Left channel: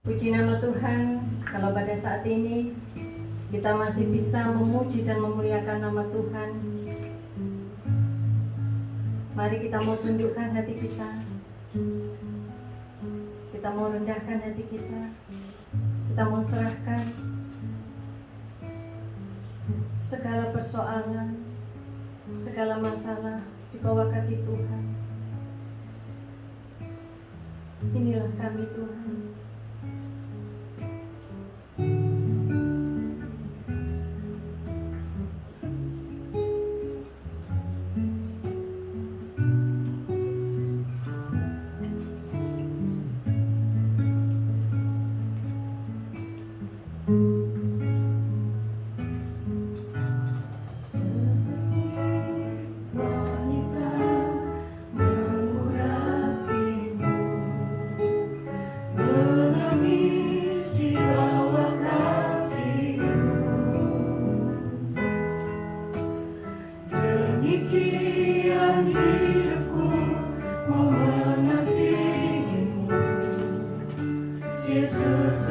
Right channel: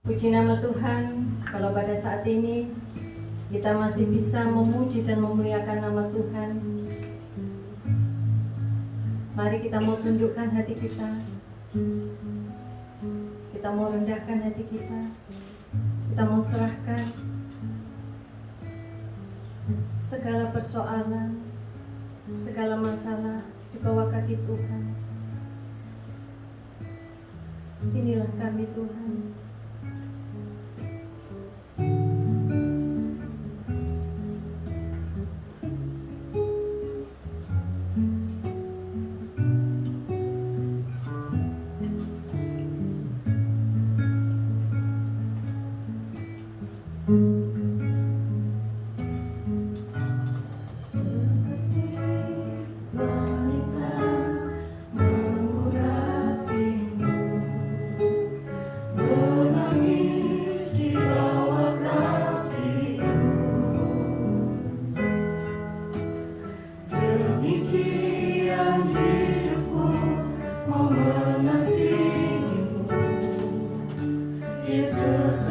Puji nama Tuhan, kalau pada saat ini kita masih bisa memuji dan memuliakan nama Tuhan. Mari kita mau tundukkan hati kita. Kita mau rendahkan hati kita. Kita mau serahkan segala persoalan, segala masalah di bawah kaki Tuhan. Inilah kami Tuhan. Yesus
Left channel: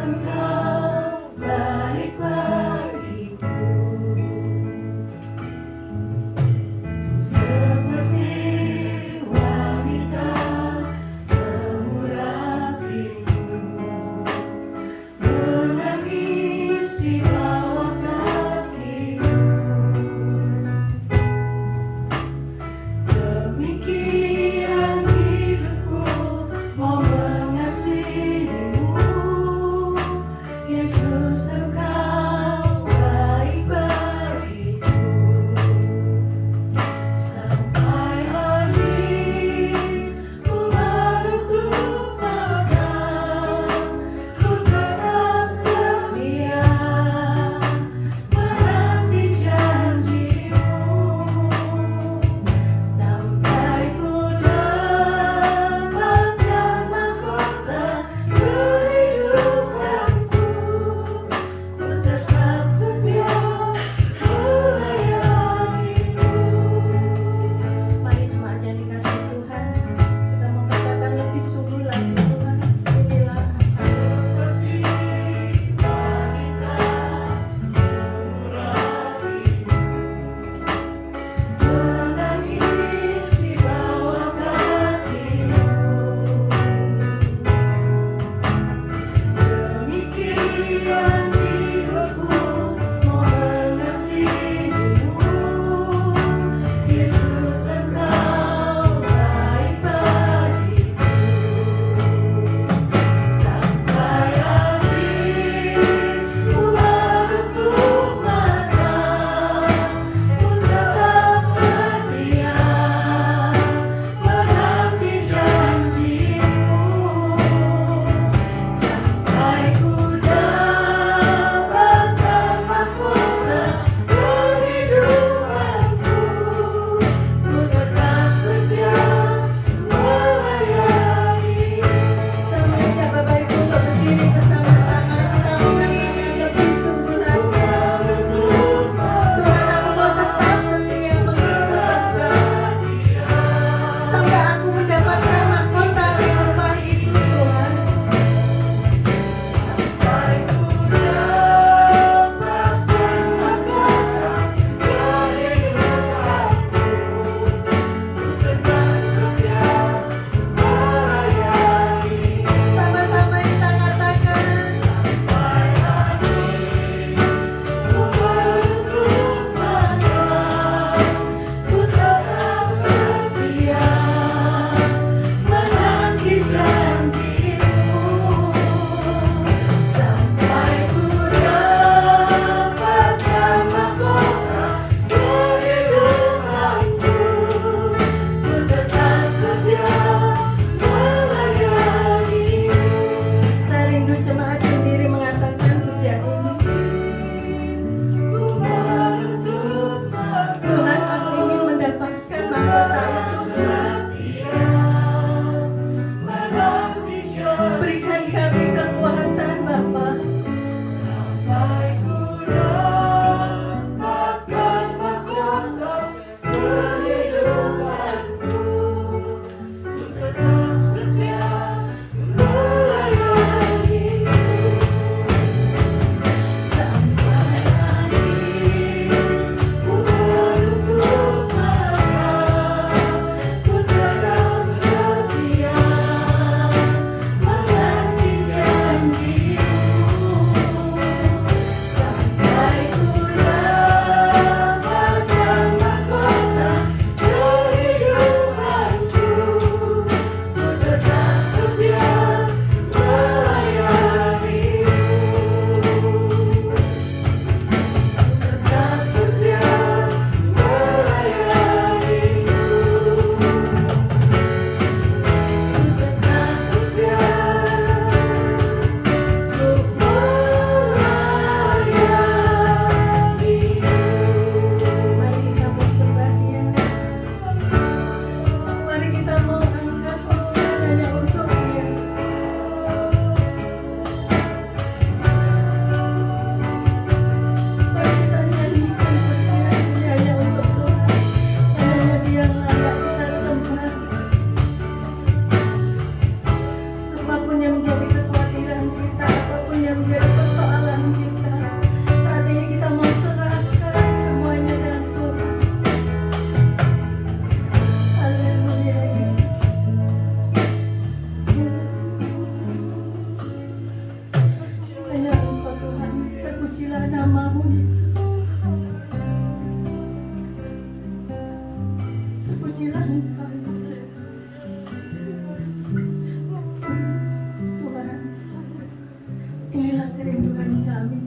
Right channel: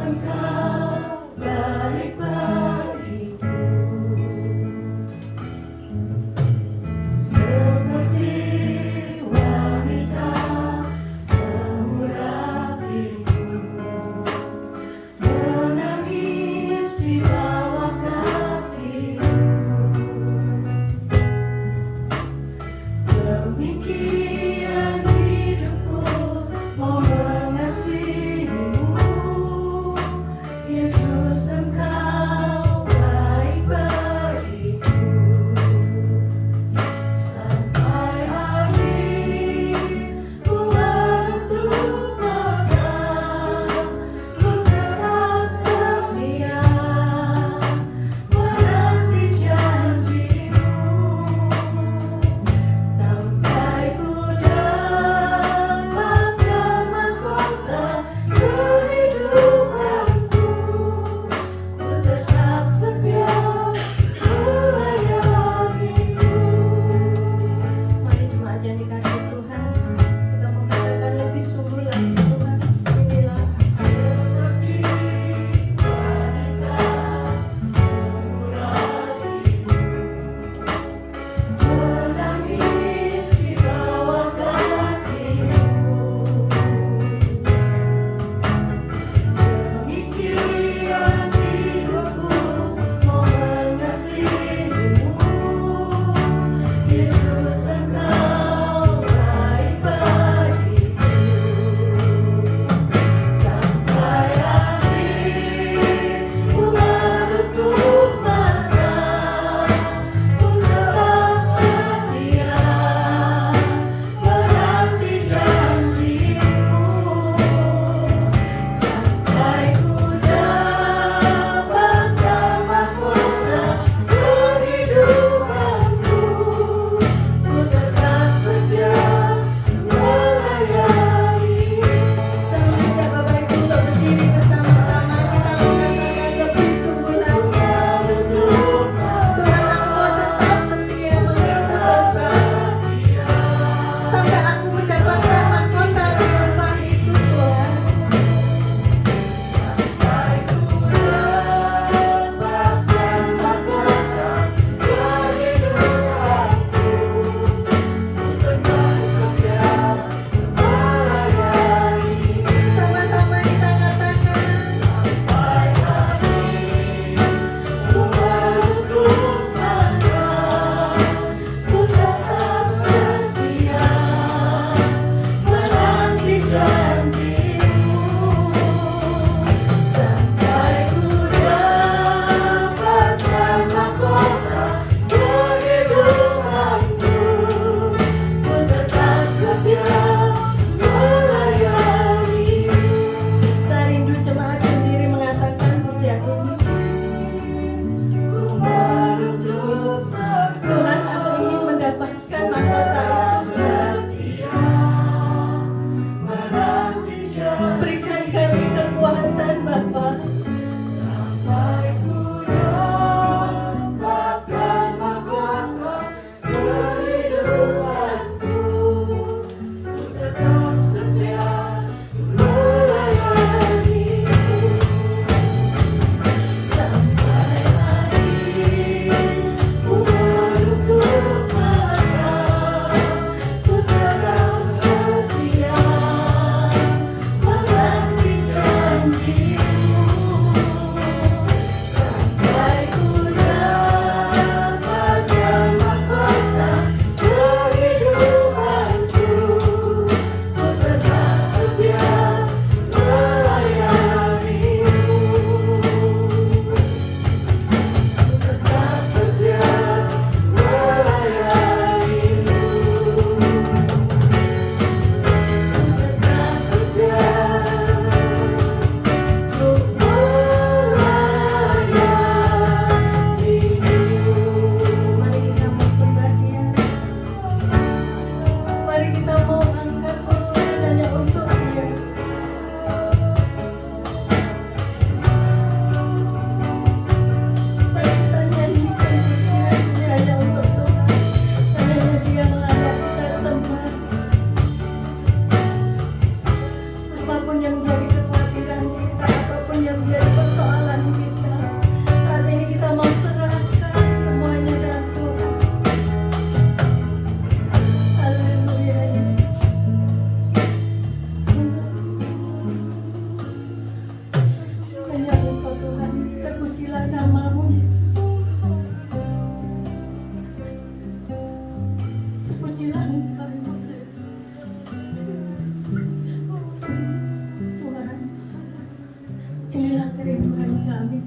Inilah kerinduan kami,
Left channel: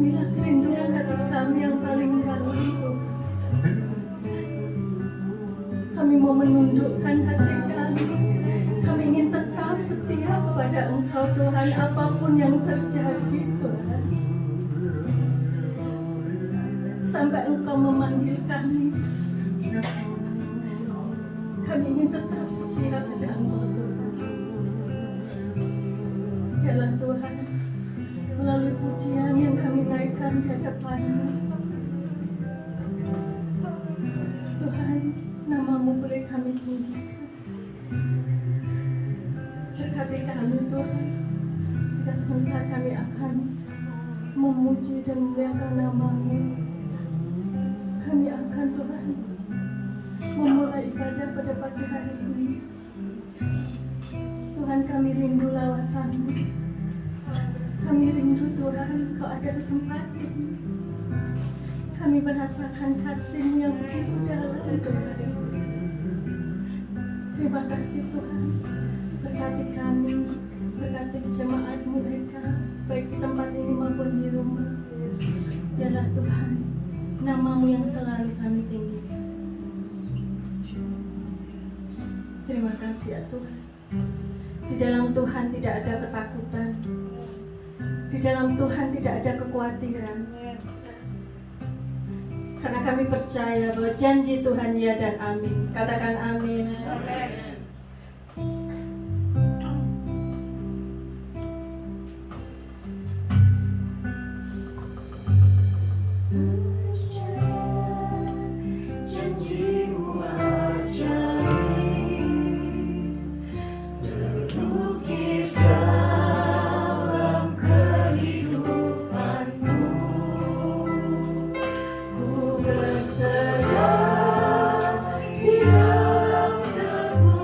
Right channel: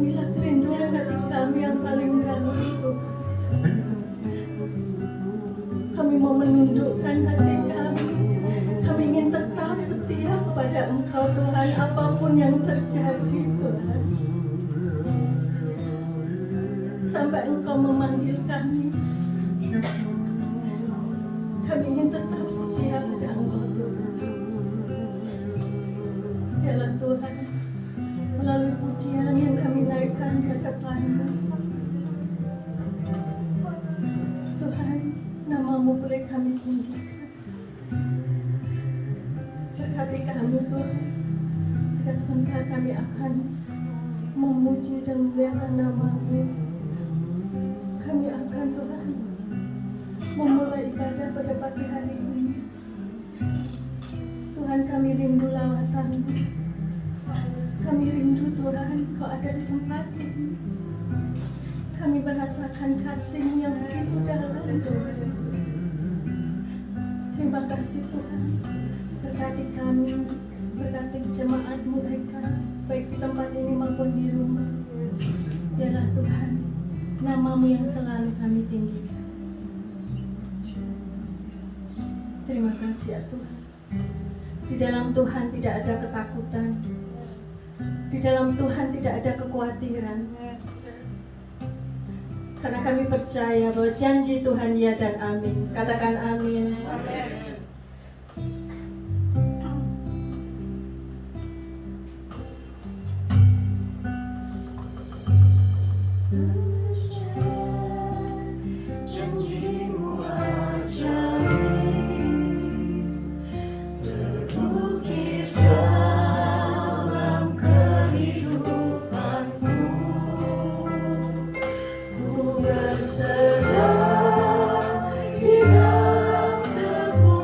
inilah kerinduan hati kami yang paling dalam, Tuhan. Kami mau menundukkan hati kami. Kami ingin tetap setia kepada Engkau, Tuhan, apapun yang terjadi, Tuhan. Sampai Engkau memanggil kami, kami ingin tetap setia pada Engkau, Tuhan. Yalah Tuhan, melalui pujian yang kami naikkan di hadapan-Mu, Tuhan, nama-Mu boleh kami tinggikan. Berkati kami, Tuhan, jika sebentar kami akan memuji dan memuliakan nama-Mu. Kami akan, Tuhan, memulai ibadah pada pagi hari ini. Tuhan, kami rindu lawatan-Mu. Kami rindu, Tuhan, Kau ada di tempat ini. Kami merasakan kasih-Mu yang begitu dalam, Tuhan. Terima kasih, Tuhan. Berkati kami, berkati jemaat-Mu mereka, baik di tempat ini maupun di rumah. Yalah Tuhan, nama-Mu yang selalu kami tinggikan. Terima kasih ya Tuhan. Di dalam Tuhan tidak ada ketakutan. Di dalam Tuhan tidak ada kekhawatiran. Karena kami percaya bahwa janji Tuhan ya dan amin. Katakan amin. Amin. Di dalam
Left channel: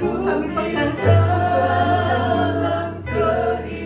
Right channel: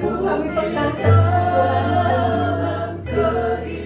Kami pegang Tuhan janji.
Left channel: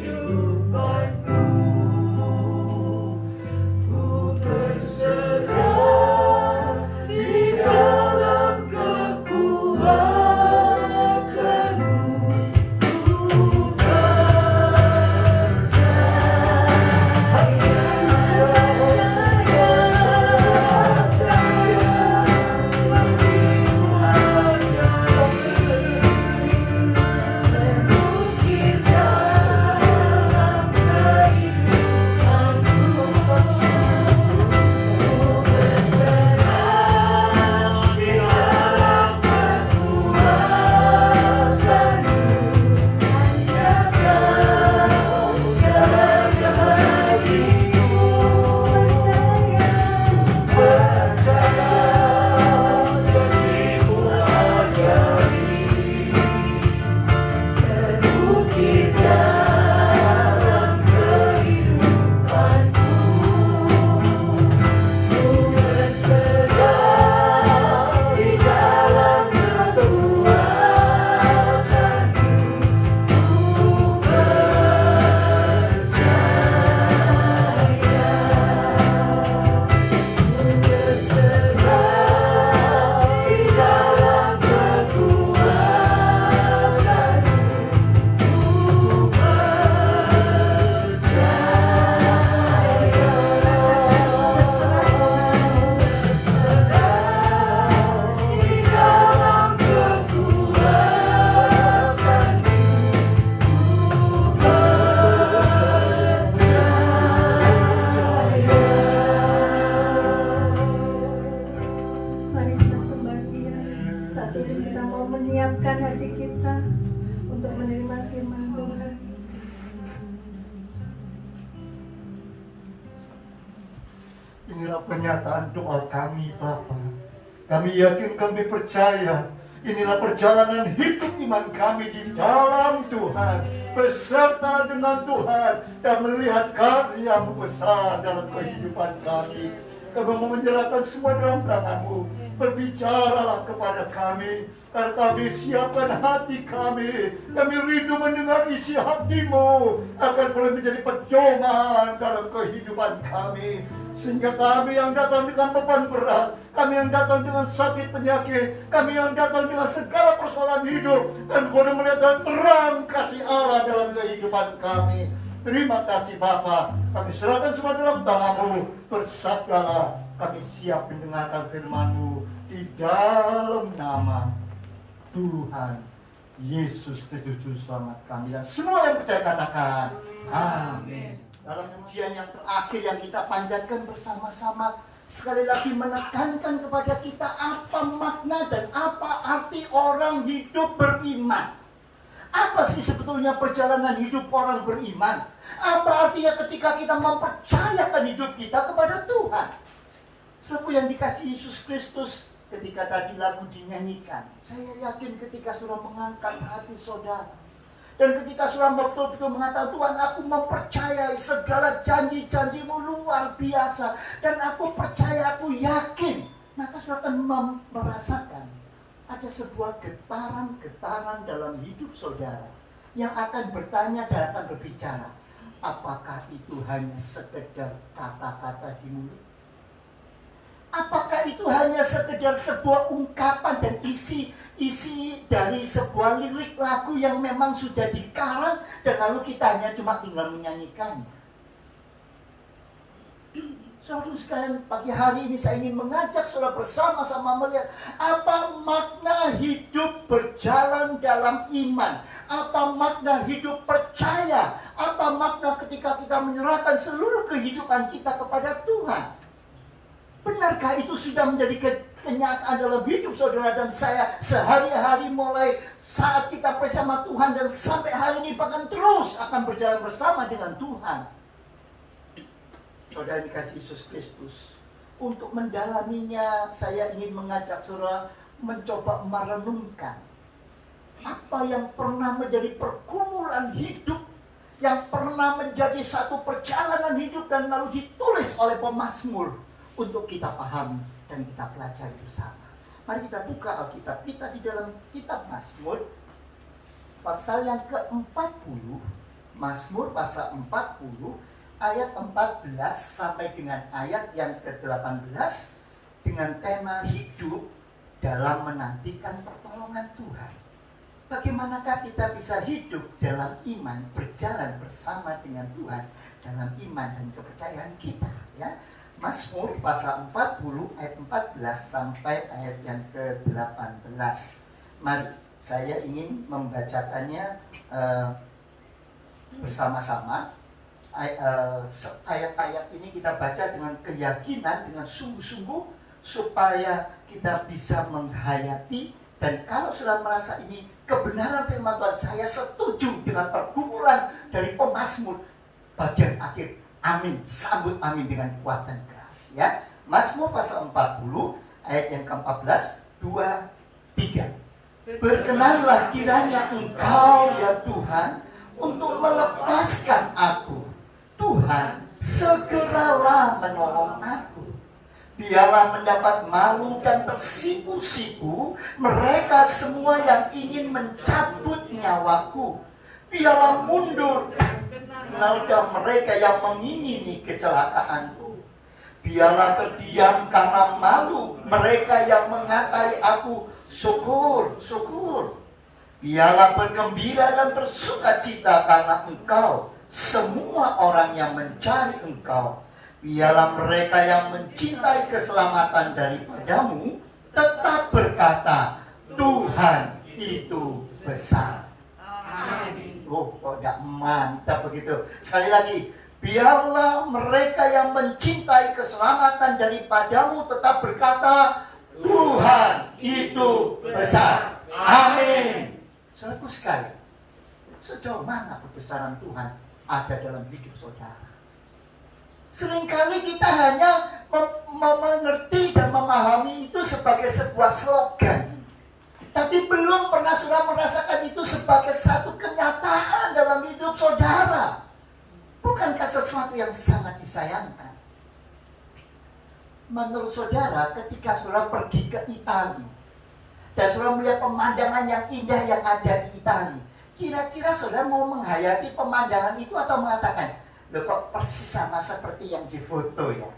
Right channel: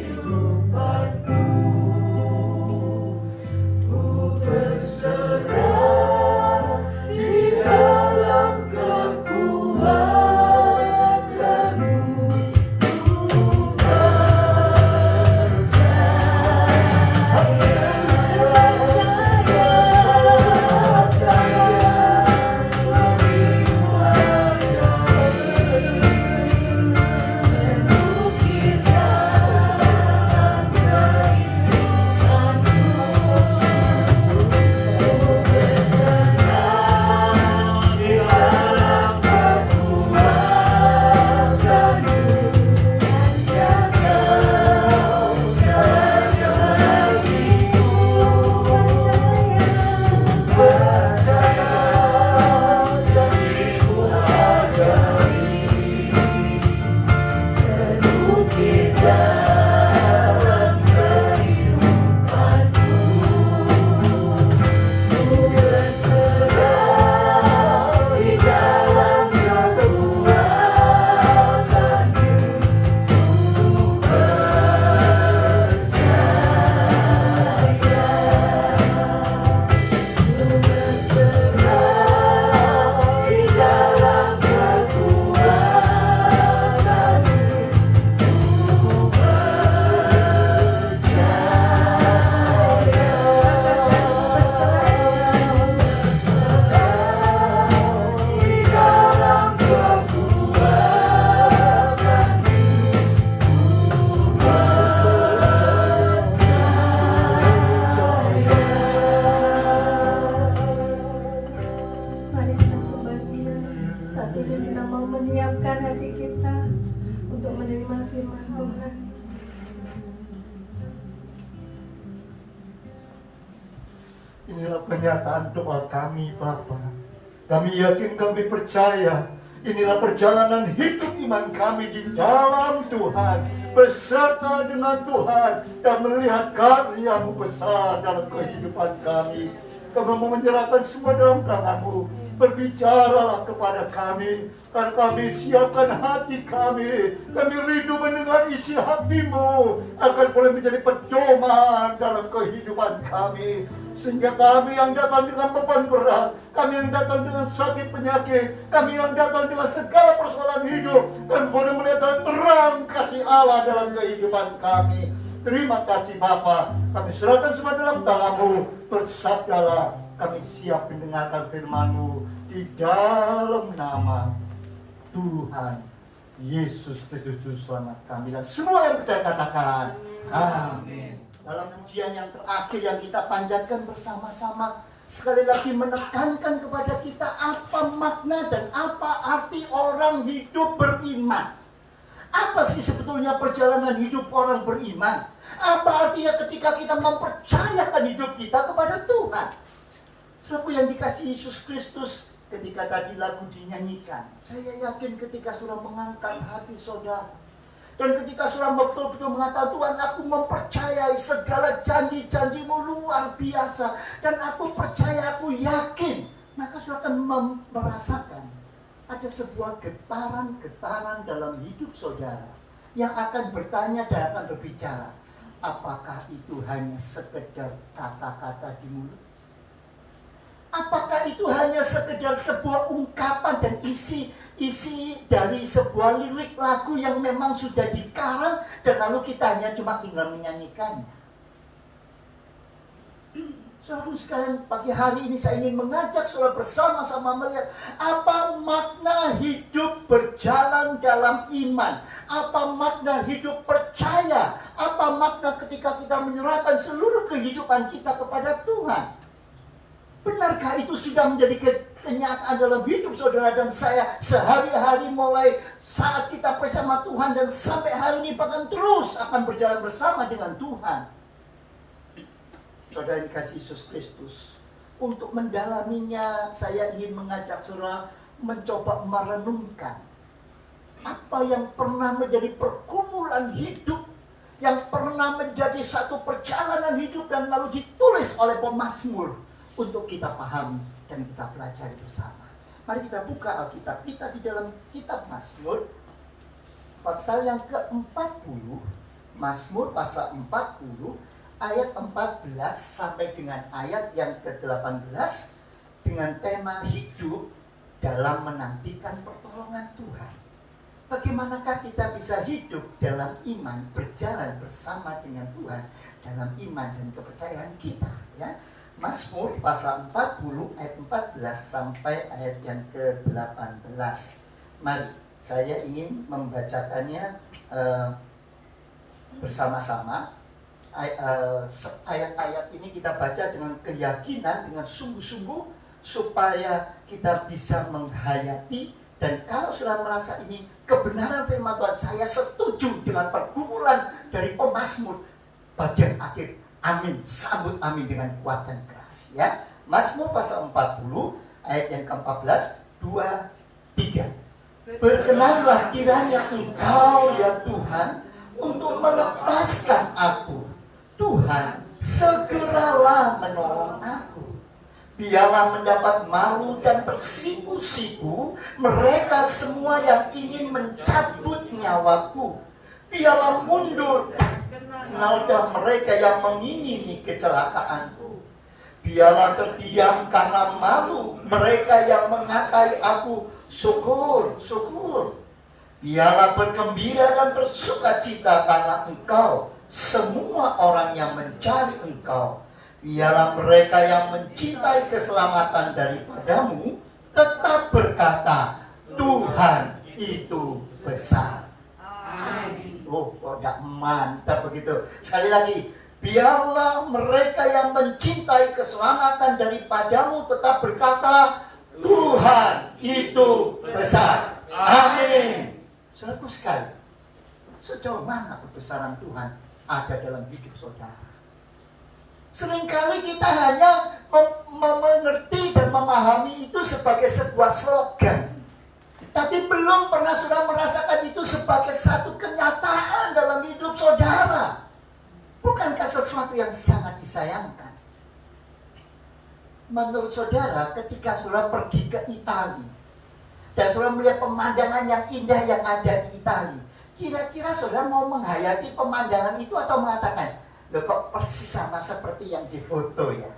Inilah pernyataan doa kami, Bapa. Kami yakin, kami percaya, inilah perjalanan hidup iman kami di dalam Tuhan, beserta dengan Tuhan, dan melihat karya-Mu besar dalam kehidupan kami. Kami mau menyerahkan semua dalam tangan-Mu. Berbicaralah kepada kami, karena kami siapkan hati kami. Kami rindu mendengar isi hati-Mu, agar boleh menjadi pedoman dalam kehidupan kami. Sehingga kami yang datang dengan beban berat, kami yang datang dengan sakit penyakit, kami yang datang dengan segala persoalan hidup, dan boleh melihat terang kasih Allah dalam kehidupan kami. Terima kasih Bapa, kami serahkan semua dalam tangan-Mu. Bersabdalah, kami siap mendengarkan firman-Mu di dalam nama Tuhan Yesus Kristus selamat kami. Dan semua yang percaya katakan amin. Dalam pujian yang terakhir yang kita panjatkan bersama-sama, sekali lagi menekankan kepada kita apa makna dan apa arti orang hidup beriman. Apa sih sebetulnya perjalanan hidup orang beriman? Apa artinya ketika kita mempercayakan hidup kita kepada Tuhan? Saudara yang dikasihi Yesus Kristus, ketika tadi lagu dinyanyikan, saya yakin ketika saudara mengangkat hati saudara, dan ketika saudara betul-betul mengatakan, Tuhan, aku mempercayai segala janji-janji-Mu luar biasa, dan aku percaya, aku yakin, maka saudara akan merasakan ada sebuah getaran-getaran dalam hidup saudara yang akan bertanya dan akan berbicara. Apakah itu hanya sekedar kata-kata di mulut? Apakah itu hanya sekedar sebuah ungkapan dan isi dari sebuah lirik lagu yang memang sudah dikarang dan lalu kita hanya cuma tinggal menyanyikannya? Saudara sekalian, pagi hari ini saya ingin mengajak saudara bersama-sama melihat apa makna hidup berjalan dalam iman, apa makna hidup percaya, apa makna ketika kita menyerahkan seluruh kehidupan kita kepada Tuhan. Benarkah itu sudah menjadi kenyataan dalam hidup saudara dan saya sehari-hari mulai saat kita bersama Tuhan dan sampai hari ini bahkan terus akan berjalan bersama dengan Tuhan? Saudara yang dikasihi Yesus Kristus, untuk mendalaminya saya ingin mengajak saudara mencoba merenungkan apa yang pernah menjadi pergumulan hidup, yang pernah menjadi satu perjalanan hidup dan lalu ditulis oleh pemazmur untuk kita pahami dan kita pelajari bersama. Mari kita buka Alkitab kita di dalam kitab Mazmur pasal yang ke-40. Mazmur pasal 40 ayat 14 sampai dengan ayat yang ke-18 dengan tema hidup dalam menantikan pertolongan Tuhan. Bagaimanakah kita bisa hidup dalam iman, berjalan bersama dengan Tuhan dalam iman dan kepercayaan kita, ya. Mazmur pasal 40 ayat 14 sampai ayat yang ke-18. Mari, saya ingin membacakannya bersama-sama. Ayat-ayat ini kita baca dengan keyakinan, dengan sungguh-sungguh, supaya kita bisa menghayati. Dan kalau sudah merasa ini kebenaran firman Tuhan, saya setuju dengan pergumulan dari pemazmur bagian akhir. Amin, sambut amin dengan kuat dan keras, ya. Mazmur pasal 40 ayat yang ke-14, 2, 3. Berkenanlah kiranya Engkau ya Tuhan untuk melepaskan aku. Tuhan, segeralah menolong aku. Biarlah mendapat malu dan tersipu-sipu mereka semua yang ingin mencabut nyawaku. Biarlah mundur noda mereka yang mengingini kecelakaanku. Biarlah terdiam karena malu mereka yang mengatai aku. Syukur, syukur. Biarlah bergembira dan bersukacita karena Engkau, semua orang yang mencari Engkau. Biarlah mereka yang mencintai keselamatan daripadamu tetap berkata, Tuhan itu besar. Amin. Oh, kok tidak mantap begitu. Sekali lagi, biarlah mereka yang mencintai keselamatan daripadamu tetap berkata, Tuhan itu besar. Amin. Saudaraku sekali, sejauh mana kebesaran Tuhan ada dalam hidup saudara? Seringkali kita hanya mengerti dan memahami itu sebagai sebuah slogan, tapi belum pernah sudah merasakan itu sebagai satu kenyataan dalam hidup saudara. Bukankah sesuatu yang sangat disayangkan? Menurut saudara, ketika saudara pergi ke Italia dan saudara melihat pemandangan yang indah yang ada di Italia, kira-kira saudara mau menghayati pemandangan itu atau mengatakan, loh kok persis sama seperti yang di foto ya?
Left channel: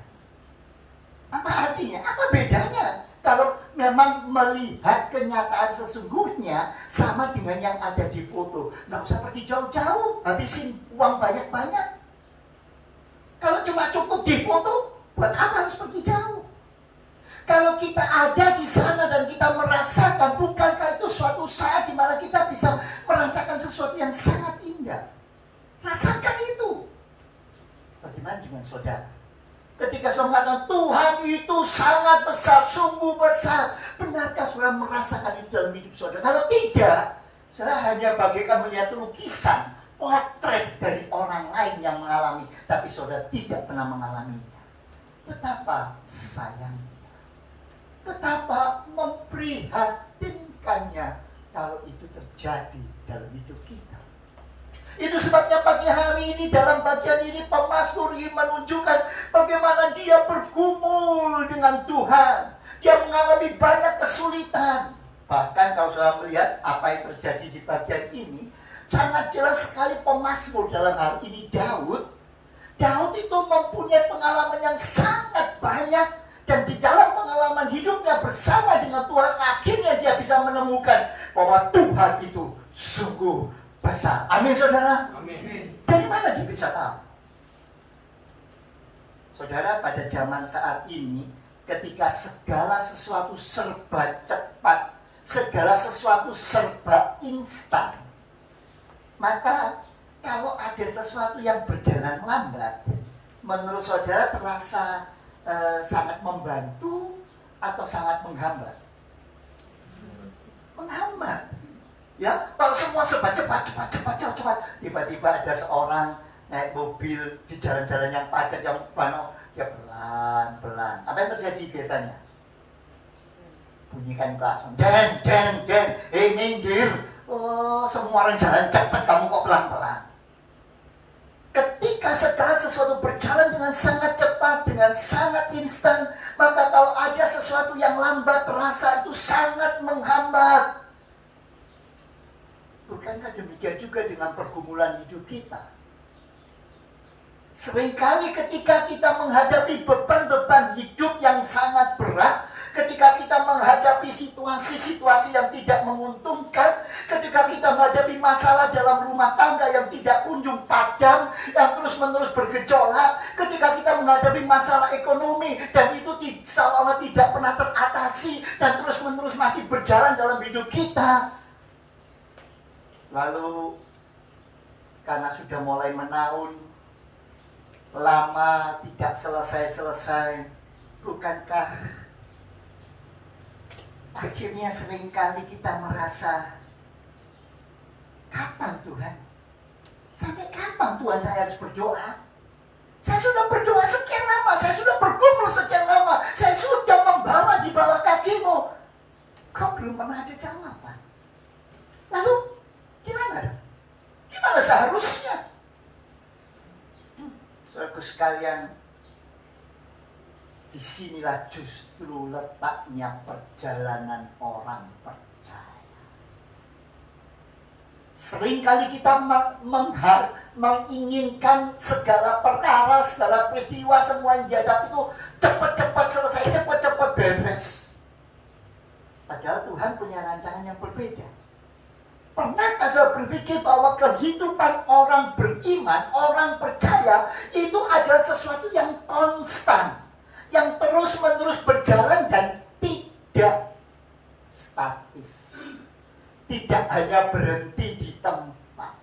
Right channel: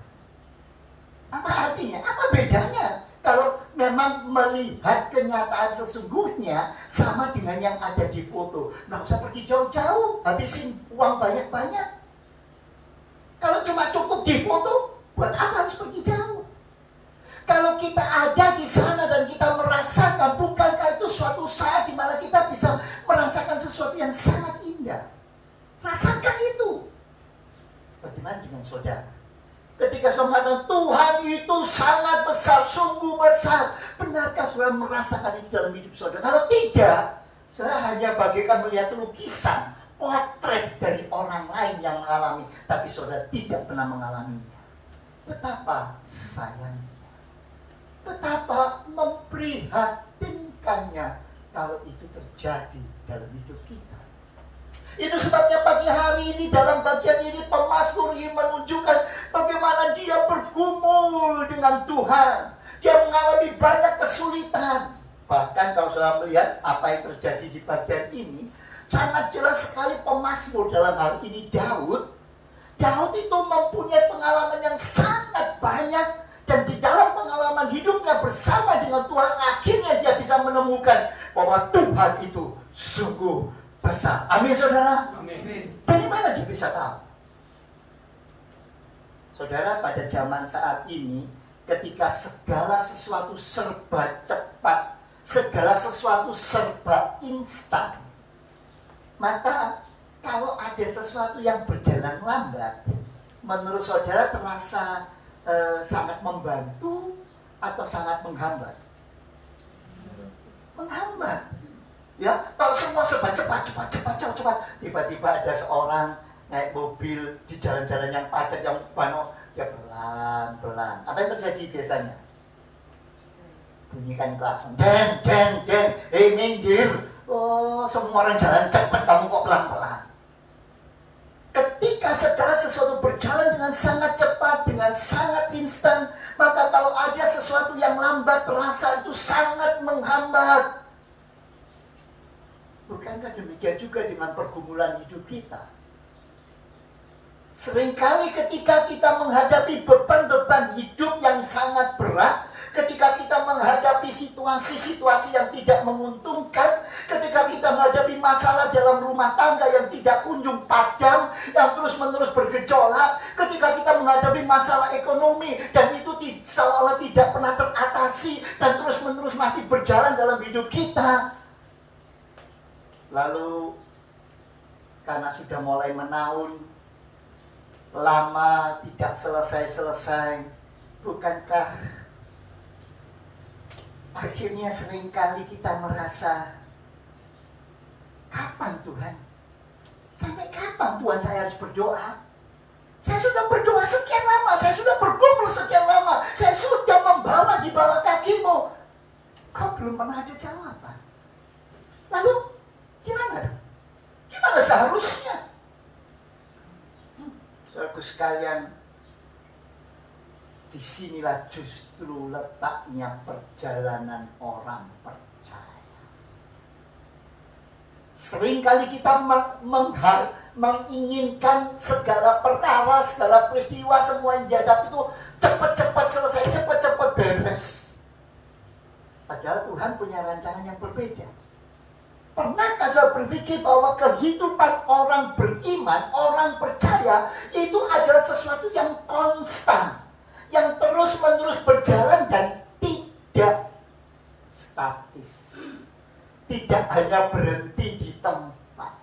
Apa artinya? Apa bedanya? Kalau memang melihat kenyataan sesungguhnya sama dengan yang ada di foto, nggak usah pergi jauh-jauh, habisin uang banyak-banyak. Kalau cuma cukup di foto, buat apa harus pergi jauh? Kalau kita ada di sana dan kita merasakan, bukankah itu suatu saat di mana kita bisa merasakan sesuatu yang sangat indah? Rasakan itu. Bagaimana dengan saudara? Ketika saudara mengatakan Tuhan itu sangat besar, sungguh besar, benarkah saudara merasakan itu dalam hidup saudara? Kalau tidak, saudara hanya bagaikan melihat lukisan, potret dari orang lain yang mengalami, tapi saudara tidak pernah mengalaminya. Betapa sayangnya, betapa memprihatinkannya kalau itu terjadi dalam hidup kita. Itu sebabnya pagi hari ini dalam bagian ini pemazmur ingin menunjukkan bagaimana dia bergumul dengan Tuhan. Dia mengalami banyak kesulitan. Bahkan kalau saudara melihat apa yang terjadi di bagian ini, sangat jelas sekali pemazmur dalam hal ini Daud. Daud itu mempunyai pengalaman yang sangat banyak. Dan di dalam pengalaman hidupnya bersama dengan Tuhan, akhirnya dia bisa menemukan bahwa Tuhan itu sungguh besar. Amin, saudara. Amin. Dari mana dia bisa tahu? Saudara, pada zaman saat ini, ketika segala sesuatu serba cepat, segala sesuatu serba instan, maka kalau ada sesuatu yang berjalan lambat, menurut saudara terasa sangat membantu atau sangat menghambat? Menghambat. Ya, kalau semua serba cepat, tiba-tiba ada seorang naik mobil di jalan-jalan yang padat, yang penuh, dia pelan-pelan. Apa yang terjadi biasanya? Bunyikan klakson, den, minggir. Oh, semua orang jalan cepat, kamu kok pelan-pelan. Ketika ketika segala sesuatu berjalan dengan sangat cepat, dengan sangat instan, maka kalau ada sesuatu yang lambat, rasa itu sangat menghambat. Bukankah demikian juga dengan pergumulan hidup kita? Seringkali ketika kita menghadapi beban-beban hidup yang sangat berat, ketika kita menghadapi situasi-situasi yang tidak menguntungkan, ketika kita menghadapi masalah dalam rumah tangga yang tidak kunjung padam, yang terus-menerus bergejolak, ketika kita menghadapi masalah ekonomi dan itu seolah tidak pernah teratasi dan terus-menerus masih berjalan dalam hidup kita. Lalu karena sudah mulai menaun, lama tidak selesai-selesai, bukankah akhirnya seringkali kita merasa, kapan Tuhan? Sampai kapan Tuhan saya harus berdoa? Saya sudah berdoa sekian lama, saya sudah bergumul sekian lama, saya sudah membawa di bawah kakimu, kok belum pernah ada jawaban? Lalu gimana? Gimana seharusnya? Saudaraku sekalian, disinilah justru letaknya perjalanan orang percaya. Seringkali kita menginginkan segala perkara, segala peristiwa, semua yang dihadapi itu cepat-cepat selesai, cepat-cepat beres. Padahal Tuhan punya rancangan yang berbeda. Pernahkah saya berpikir bahwa kehidupan orang beriman, orang percaya, itu adalah sesuatu yang konstan, yang terus-menerus berjalan dan tidak statis. Tidak hanya berhenti di tempat,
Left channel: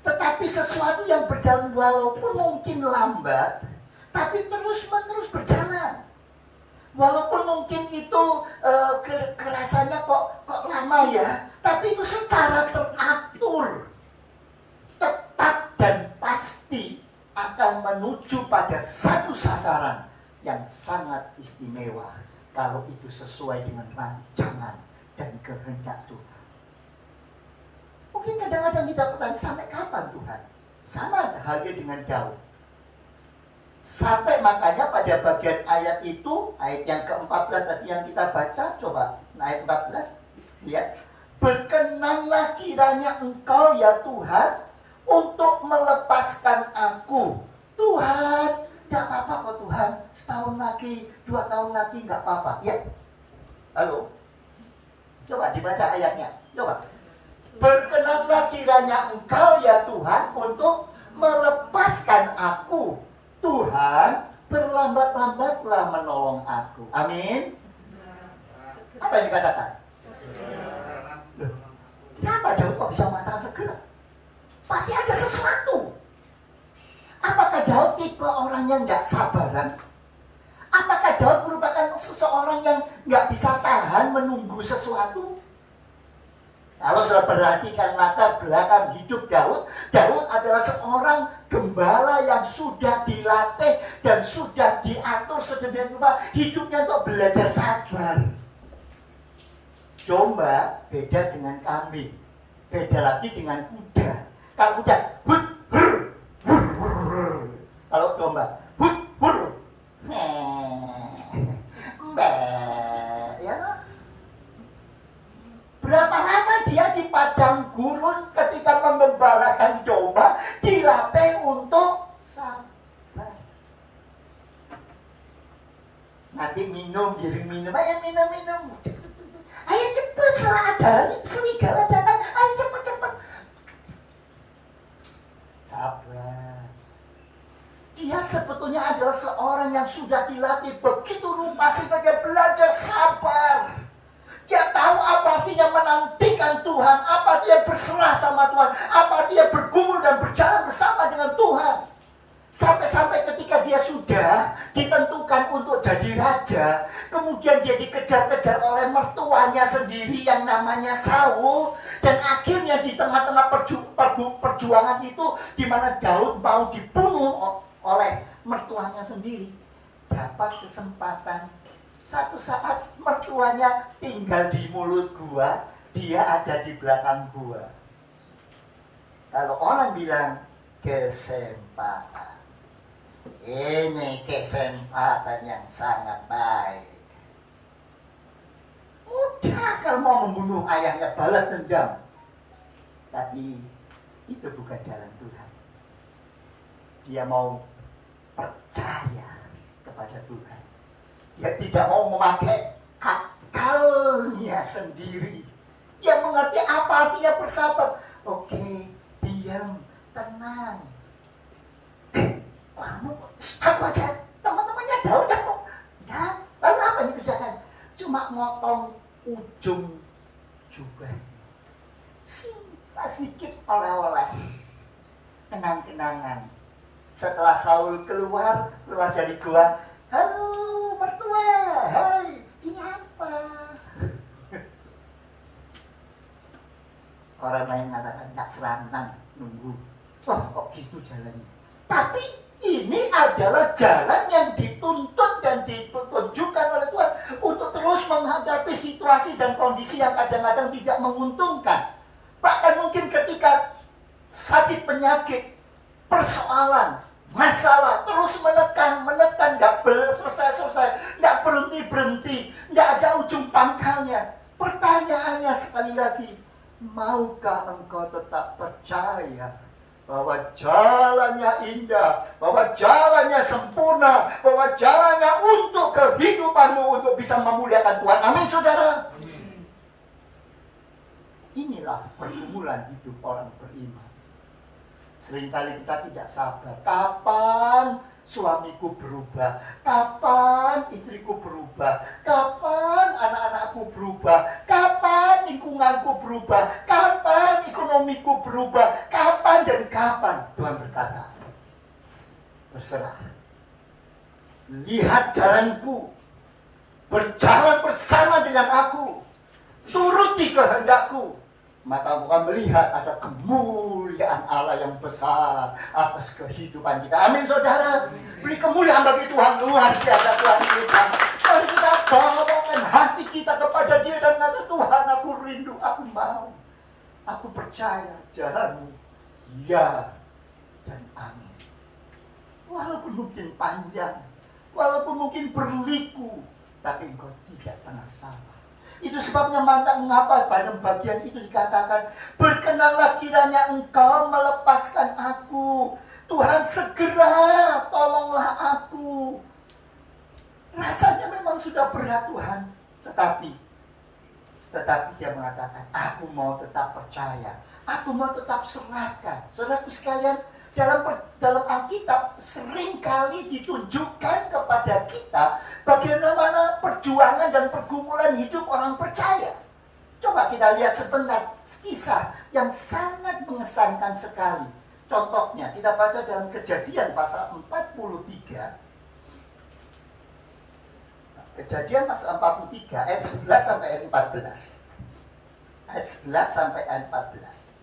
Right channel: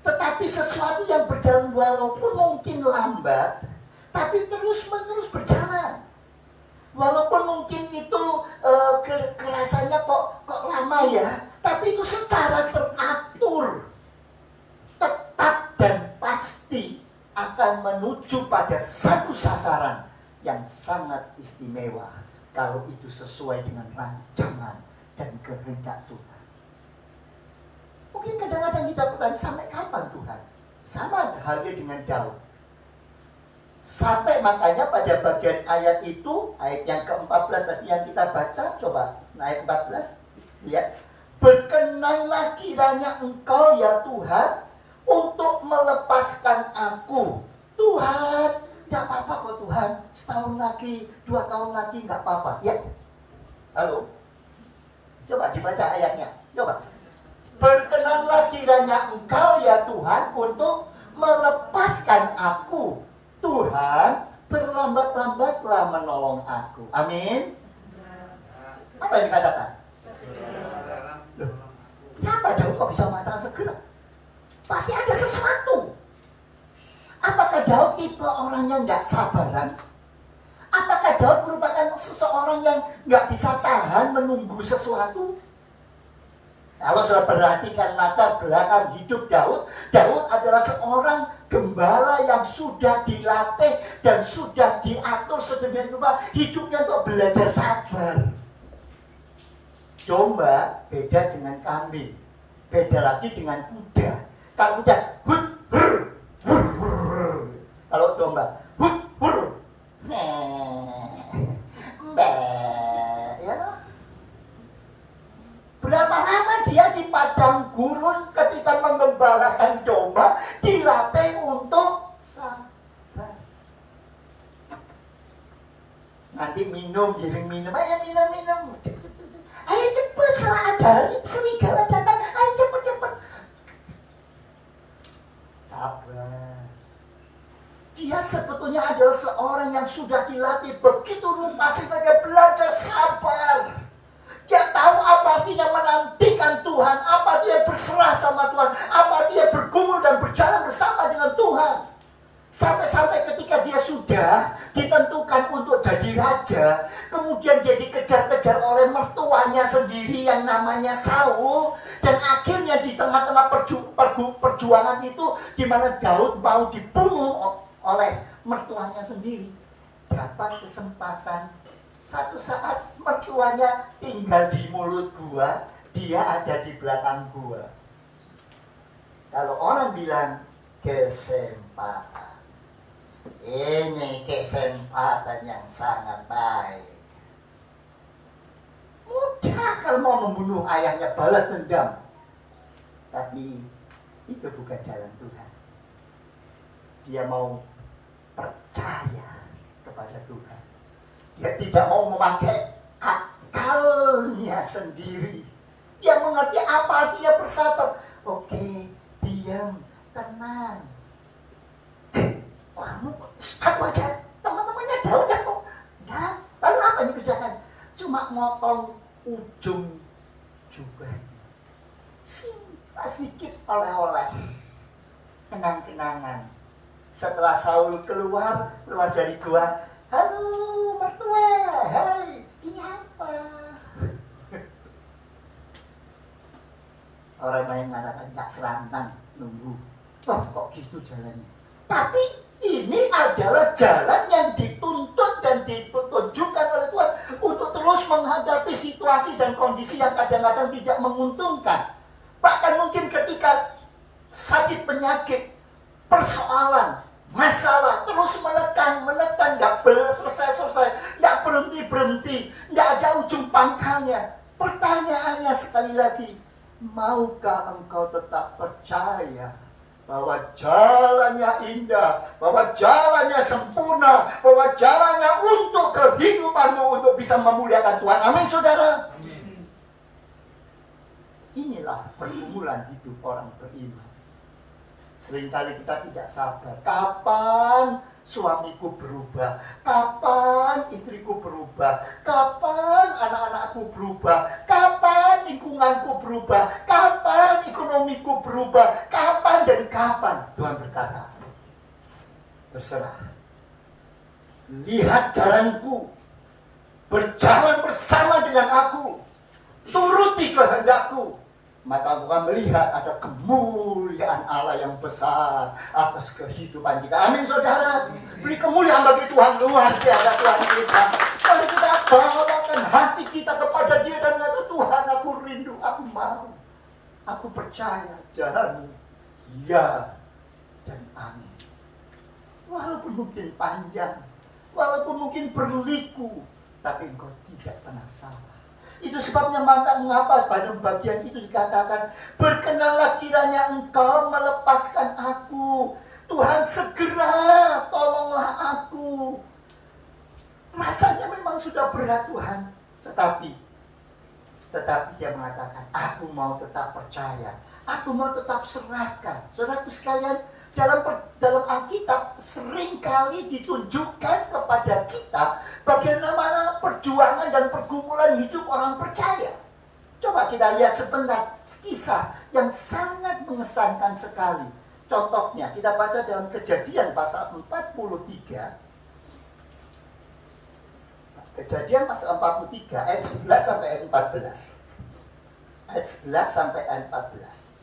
tetapi sesuatu yang berjalan walaupun mungkin lambat, tapi terus-menerus berjalan. Walaupun mungkin itu kerasanya kok lama ya, tapi itu secara teratur, tetap dan pasti akan menuju pada satu sasaran yang sangat istimewa kalau itu sesuai dengan rancangan dan kehendak Tuhan. Mungkin kadang-kadang kita bertanya, sampai kapan Tuhan? Sama halnya dengan Daud. Sampai makanya pada bagian ayat itu, ayat yang ke-14 tadi yang kita baca, coba ayat 14, lihat. Berkenanlah kiranya Engkau ya Tuhan untuk melepaskan aku. Tuhan, gak apa-apa kok Tuhan, setahun lagi, 2 tahun lagi gak apa-apa. Ya, halo, coba dibaca ayatnya, coba. Berkenanlah kiranya Engkau ya Tuhan untuk melepaskan aku. Tuhan, berlambat-lambatlah menolong aku. Amin. Apa yang dikatakan? Loh, kenapa Daud kok bisa mengatakan segera? Pasti ada sesuatu. Apakah Daud tipe orang yang gak sabaran? Apakah Daud merupakan seseorang yang gak bisa tahan menunggu sesuatu? Kalau sudah perhatikan latar belakang hidup Daud, Daud adalah seorang gembala yang sudah dilatih dan sudah diatur sedemikian rupa hidupnya untuk belajar sabar. Domba beda dengan kambing, beda lagi dengan kuda. Kalau kuda hut hur, hur, hur. Kalau domba hut hur, ya. Berapa lama dia di padang gurun ketika menggembalakan domba, dilatih untuk sabar. Nanti minum, giring minum, ayo minum. Ayo cepet, setelah ada serigala datang, ayo cepet. Sabar. Dia sebetulnya adalah seorang yang sudah dilatih begitu rupa sehingga dia belajar sabar. Dia tahu apa artinya menantikan Tuhan, apa dia berserah sama Tuhan, apa dia bergumul dan berjalan bersama dengan Tuhan. Sampai-sampai ketika dia sudah ditentukan untuk jadi raja, kemudian dia dikejar-kejar oleh mertuanya sendiri yang namanya Saul, dan akhirnya di tengah-tengah perjuangan itu, di mana Daud mau dibunuh oleh mertuanya sendiri, dapat kesempatan. Satu saat mertuanya tinggal di mulut gua, dia ada di belakang gua. Kalau orang bilang kesempatan. Ini kesempatan yang sangat baik. Mudah kalau mau membunuh ayahnya, balas dendam. Tapi itu bukan jalan Tuhan. Dia mau percaya kepada Tuhan. Dia tidak mau memakai akalnya sendiri. Dia mengerti apa artinya bersabar. Oke, diam, tenang. Kamu, aku aja, teman-temannya Daud kok. Nah, lalu apa yang dikerjakan? Cuma motong ujung jubahnya. Sedikit oleh-oleh. Kenang-kenangan. Setelah Saul keluar dari gua, halo mertua, hai, ini apa? Orang lain mengatakan tak serantan, nunggu. Oh, kok gitu jalannya? Tapi ini adalah jalan yang dituntut dan ditunjukkan oleh Tuhan untuk terus menghadapi situasi dan kondisi yang kadang-kadang tidak menguntungkan. Bahkan mungkin ketika sakit penyakit, persoalan, masalah terus menekan, nggak selesai, nggak berhenti, nggak ada ujung pangkalnya. Pertanyaannya sekali lagi, maukah engkau tetap percaya bahwa jalannya indah, bahwa jalannya sempurna, bahwa jalannya untuk kehidupanmu, untuk bisa memuliakan Tuhan? Amin, saudara. Amin. Inilah pergumulan hidup orang beriman. Seringkali kita tidak sabar. Kapan suamiku berubah? Kapan istriku berubah? Kapan anak-anakku berubah? Kapan lingkunganku berubah? Kapan ekonomiku berubah? Kapan dan kapan? Tuhan berkata, berserah. Lihat jalanku. Berjalan bersama dengan aku. Turuti kehendakku. Maka aku akan melihat ada kemuliaan Allah yang besar atas kehidupan kita. Amin, saudara. Beri kemuliaan bagi Tuhan, luar biasa Tuhan kita. Kalau kita bawakan hati kita kepada Dia dan mengatakan, Tuhan, aku rindu, aku mau, aku percaya jalanmu, ya dan amin. Walaupun mungkin panjang, walaupun mungkin berliku, tapi engkau tidak pernah salah. Itu sebabnya mengapa pada bagian itu dikatakan, berkenanlah kiranya engkau melepaskan aku. Tuhan, segera tolonglah aku. Rasanya memang sudah berat, Tuhan. Tetapi dia mengatakan, aku mau tetap percaya. Aku mau tetap serahkan. Saudaraku sekalian, dalam Alkitab seringkali ditunjukkan kepada kita bagaimana perjuangan dan pergumulan hidup orang percaya. Coba kita lihat sebentar kisah yang sangat mengesankan sekali. Contohnya kita baca dalam Kejadian pasal 43. Kejadian pasal 43 ayat 11 sampai ayat 14. Ayat 11 sampai ayat 14.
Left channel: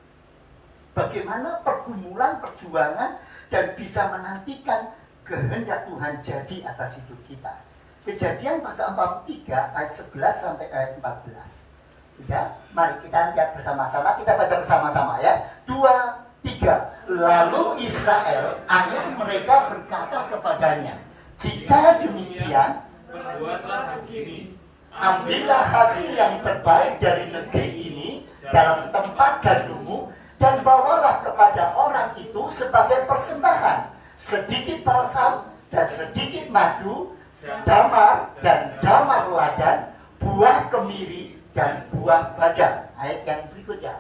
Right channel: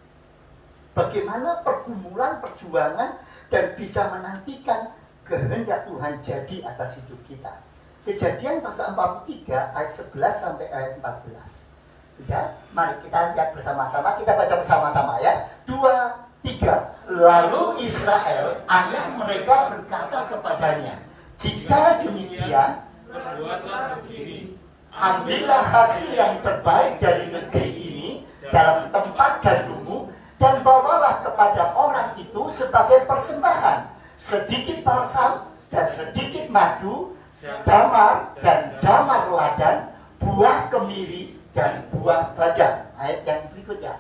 Bagaimana pergumulan, perjuangan, dan bisa menantikan kehendak Tuhan jadi atas hidup kita. Kejadian pasal 43 ayat 11 sampai ayat 14. Sudah, mari kita lihat bersama-sama, kita baca bersama-sama ya. 2, 3. Lalu Israel, anak mereka berkata kepadanya, jika demikian, berbuatlah begini. ambillah hasil yang terbaik dari negeri ini dalam tempat gandummu, dan bawalah kepada orang itu sebagai persembahan sedikit balsam dan sedikit madu, damar dan damar ladan, buah kemiri dan buah badang. Ayat yang berikutnya.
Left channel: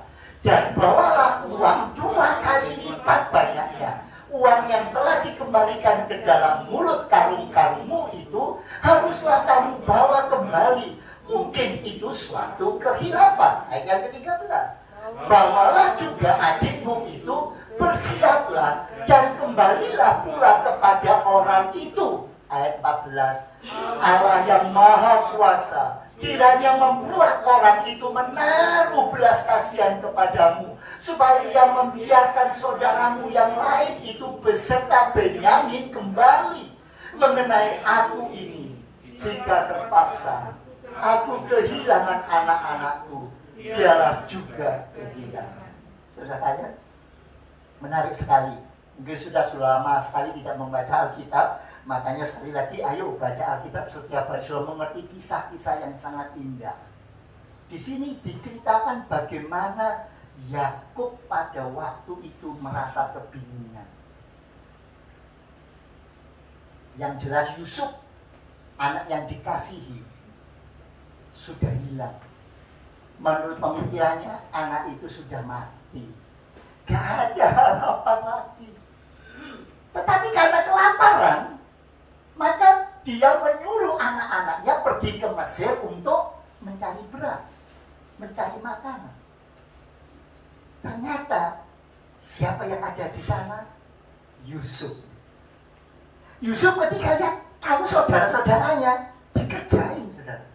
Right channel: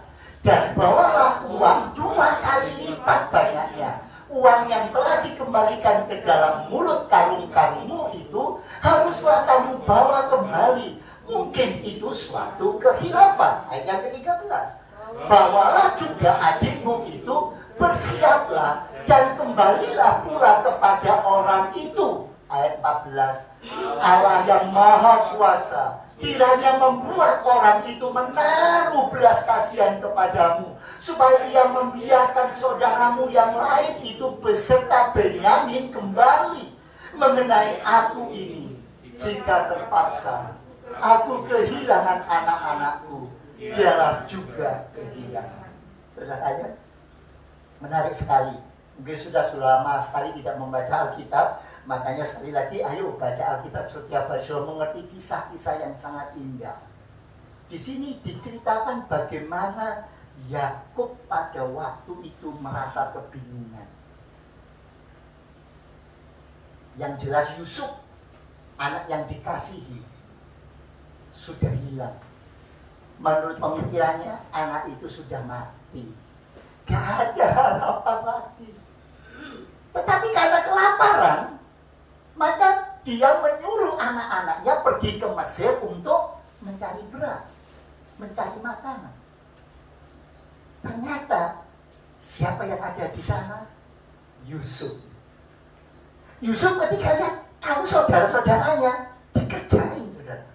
Dan bawalah uang 2 kali lipat banyaknya. Uang yang telah dikembalikan ke dalam mulut karung-karungmu itu haruslah kamu bawa kembali. Mungkin itu suatu kehilafan. Ayat yang ke-13. Bawalah juga adikmu itu, bersiaplah dan kembalilah pula kepada orang itu. Ayat 14. Allah yang maha kuasa kiranya membuat orang itu menaruh belas kasihan kepadamu, supaya ia membiarkan saudaramu yang lain itu beserta Benyamin kembali. Mengenai aku ini, jika terpaksa aku kehilangan anak-anakku, biarlah juga kehilangan. Saudara, menarik sekali. Mungkin sudah lama sekali tidak membaca Alkitab, makanya sekali lagi ayo baca Alkitab setiap hari sudah mengerti kisah-kisah yang sangat indah. Di sini diceritakan bagaimana Yakub pada waktu itu merasa kebingungan. Yang jelas Yusuf, anak yang dikasihi, sudah hilang. Menurut pemikirannya, anak itu sudah mati. Gak ada harapan lagi. Tetapi karena kelaparan, maka dia menyuruh anak-anaknya pergi ke Mesir untuk mencari beras, mencari makanan. Ternyata siapa yang ada di sana? Yusuf. Yusuf ketika lihat kalau saudara-saudaranya dikerjain, saudara.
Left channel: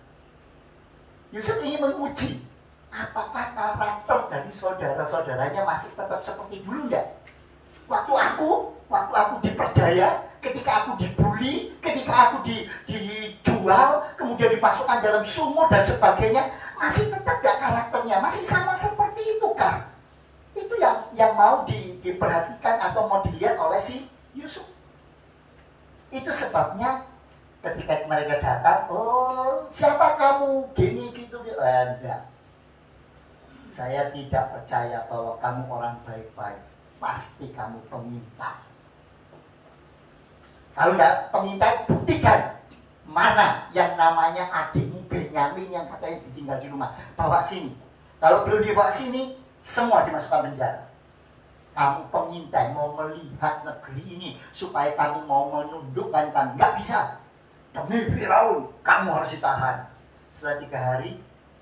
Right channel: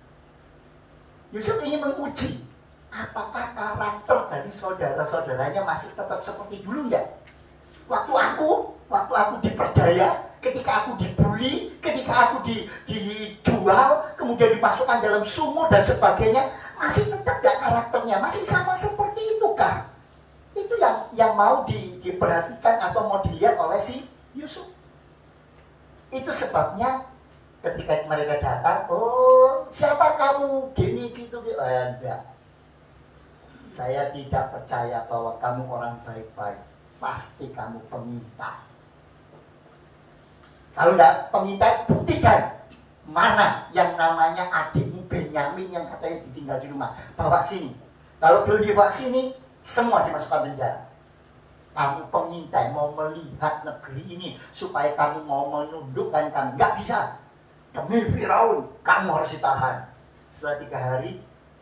Yusuf ingin menguji apakah karakter dari saudara-saudaranya masih tetap seperti dulu enggak? Waktu aku diperdaya, ketika aku dibully, ketika aku dijual, kemudian dimasukkan dalam sumur dan sebagainya, masih tetap gak karakternya, masih sama seperti itu kah? Itu yang mau diperhatikan atau mau dilihat oleh si Yusuf. Itu sebabnya ketika mereka datang, oh siapa kamu, gini gitu, enggak. Saya tidak percaya bahwa kamu orang baik-baik. Pasti kamu pengintai. Kalau enggak pengintai, buktikan mana yang namanya adikmu Benyamin yang katanya ditinggal di rumah. Bawa sini. Kalau belum dibawa sini, semua dimasukkan penjara. Kamu pengintai mau melihat negeri ini supaya kamu mau menundukkan kami. Enggak bisa. Demi Firaun, kamu harus ditahan. Setelah 3 hari,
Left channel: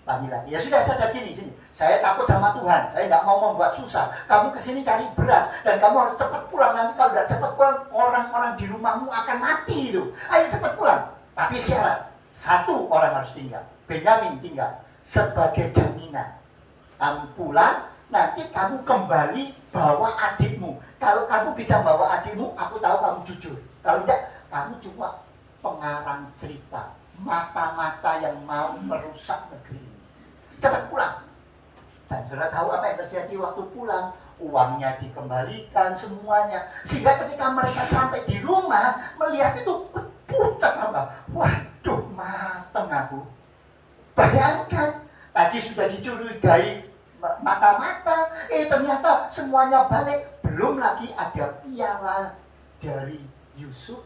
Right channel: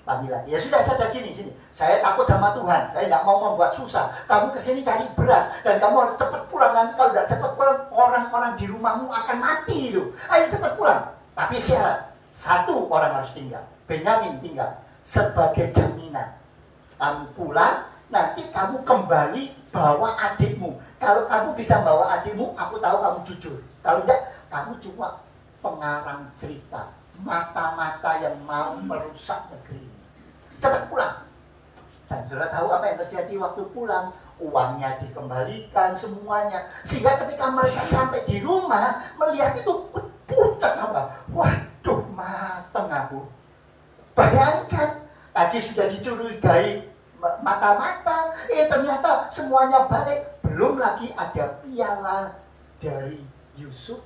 panggilan. Ya sudah, saya gini sini. Saya takut sama Tuhan. Saya tidak mau membuat susah. Kamu kesini cari beras dan kamu harus cepat pulang. Nanti kalau tidak cepat pulang, orang-orang di rumahmu akan mati itu. Ayo cepat pulang. Tapi syarat, 1 orang harus tinggal. Benyamin tinggal sebagai jaminan. Kamu pulang, nanti kamu kembali bawa adikmu. Kalau kamu bisa bawa adikmu, aku tahu kamu jujur. Kalau tidak, kamu cuma pengarang cerita. Mata-mata yang mau merusak negeri ini. Cepat pulang. Dan saudara tahu apa yang terjadi waktu pulang? Uangnya dikembalikan semuanya. Sehingga ketika mereka sampai di rumah, melihat itu pucat apa? Waduh, mateng aku. Bayangkan, tadi sudah dicurigai mata-mata, ternyata semuanya balik. Belum lagi ada piala dari Yusuf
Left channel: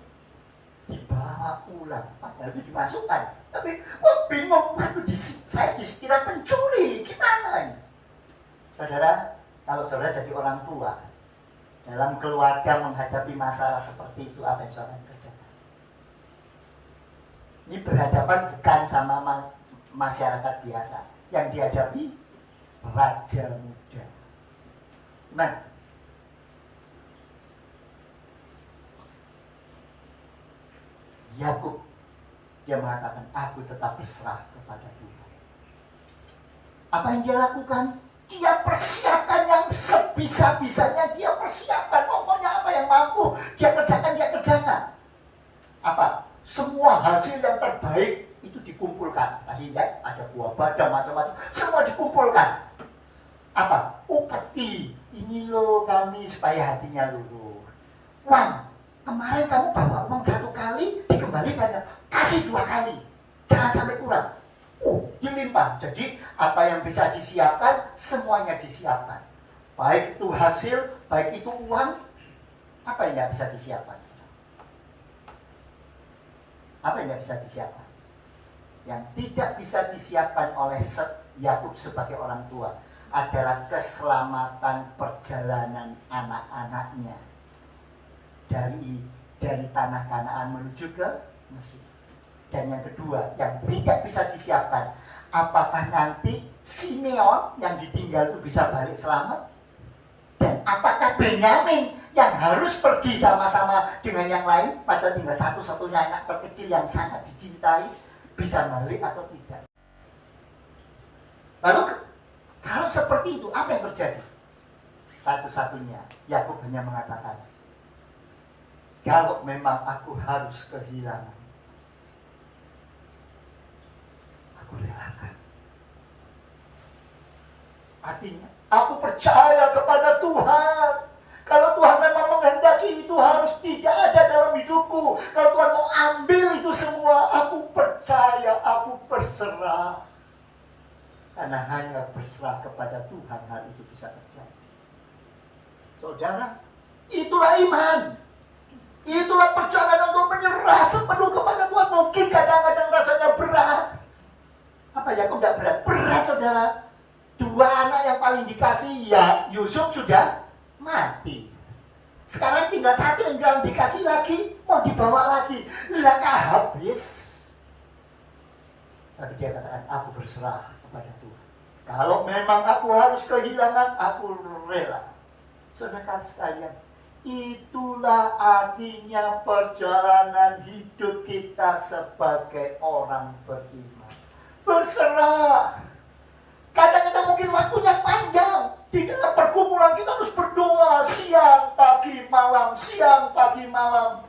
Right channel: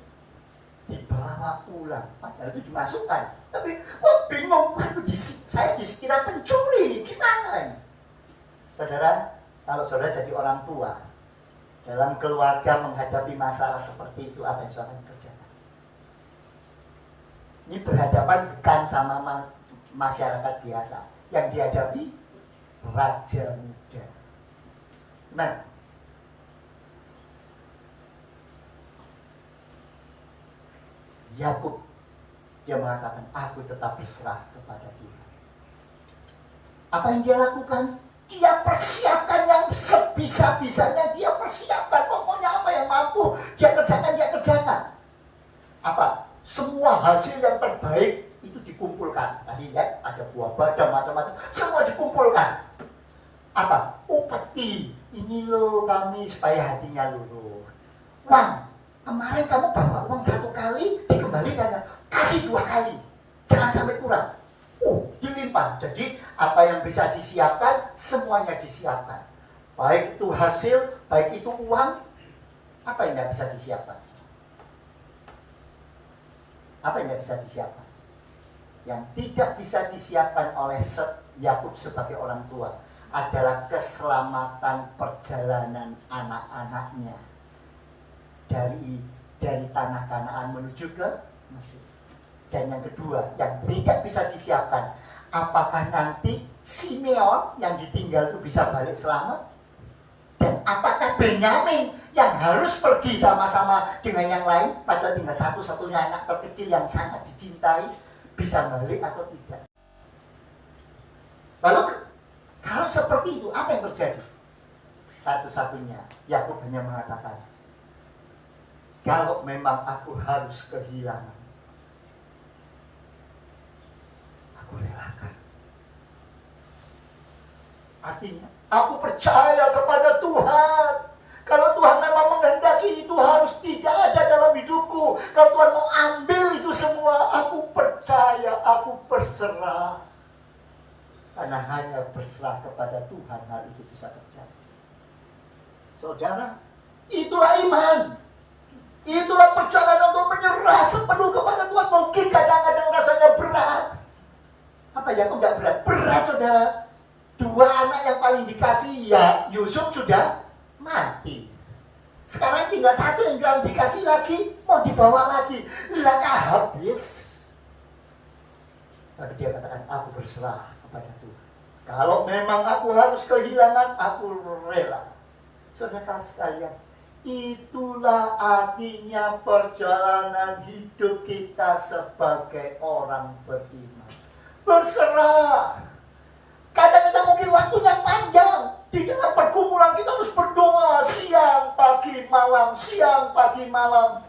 dibawa pulang, padahal itu dimasukkan. Tapi bingung, saya dikira pencuri, gimana ini? Saudara, kalau saudara jadi orang tua dalam keluarga menghadapi masalah seperti itu, apa yang saudara akan kerjakan? Ini berhadapan bukan sama masyarakat biasa, yang dihadapi raja muda. Nah, Yakub, dia mengatakan, aku tetap berserah kepada Tuhan. Apa yang dia lakukan? Dia persiapkan yang sebisa-bisanya, dia persiapkan. Pokoknya apa yang mampu, dia kerjakan. Apa? Semua hasil yang terbaik itu dikumpulkan. Tadi lihat, ada buah badam, macam-macam. Semua dikumpulkan. Apa? Upeti. Ini loh kami supaya hatinya luluh. Uang. Kemarin kamu bawa uang 1 kali, dikembalikan, kasih 2 kali, jangan sampai kurang. Dilimpah. Jadi apa yang bisa disiapkan, semuanya disiapkan. Baik itu hasil, baik itu uang, apa yang tidak bisa disiapkan? Apa yang tidak bisa disiapkan? Yang tidak bisa disiapkan oleh Yakub sebagai orang tua adalah keselamatan perjalanan anak-anaknya dari tanah Kanaan menuju ke Mesir. Dan yang kedua, yang tidak bisa disiapkan, apakah nanti Simeon yang ditinggal itu bisa balik selamat? Dan apakah Benyamin yang harus pergi sama-sama dengan yang lain, padahal tinggal satu-satunya anak terkecil yang sangat dicintai, bisa balik atau tidak? Lalu kalau seperti itu, apa yang terjadi? Satu-satunya Yakub hanya mengatakan, kalau memang aku harus kehilangan, aku relakan. Artinya, aku percaya kepada Tuhan. Kalau Tuhan memang menghendaki semua aku percaya, aku berserah. Karena hanya berserah kepada Tuhan hal itu bisa terjadi. Saudara, itulah iman. Itulah perjalanan untuk menyerah sepenuh kepada Tuhan. Mungkin kadang-kadang rasanya berat. Apa ya, kok nggak berat? Berat, saudara. 2 anak yang paling dikasih, ya Yusuf sudah mati. Sekarang tinggal 1 yang bilang dikasih lagi, mau dibawa lagi. Laka habis. Tapi dia katakan, aku berserah kepada Tuhan. Kalau memang aku harus kehilangan, aku rela. Saudara sekalian, itulah artinya perjalanan hidup kita sebagai orang beriman. Berserah. Kadang-kadang mungkin waktunya panjang. Di dalam pergumulan kita harus berdoa siang, pagi, malam, siang, pagi, malam.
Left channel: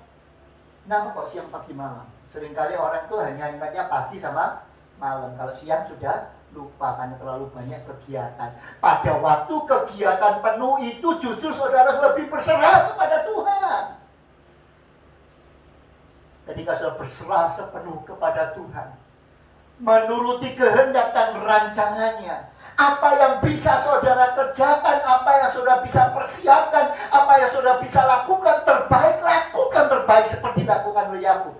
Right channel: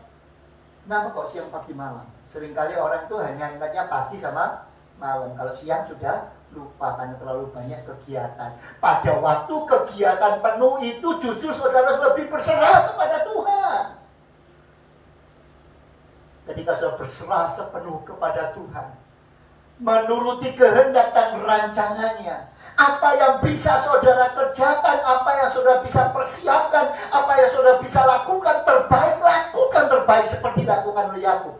Kenapa kok siang, pagi, malam? Seringkali orang itu hanya ingatnya pagi sama malam. Kalau siang sudah lupa karena terlalu banyak kegiatan. Pada waktu kegiatan penuh itu justru saudara lebih berserah kepada Tuhan. Ketika saudara berserah sepenuh kepada Tuhan, menuruti kehendak dan rancangannya, apa yang bisa saudara kerjakan, apa yang saudara bisa persiapkan, apa yang saudara bisa lakukan terbaik seperti dilakukan oleh Yakub.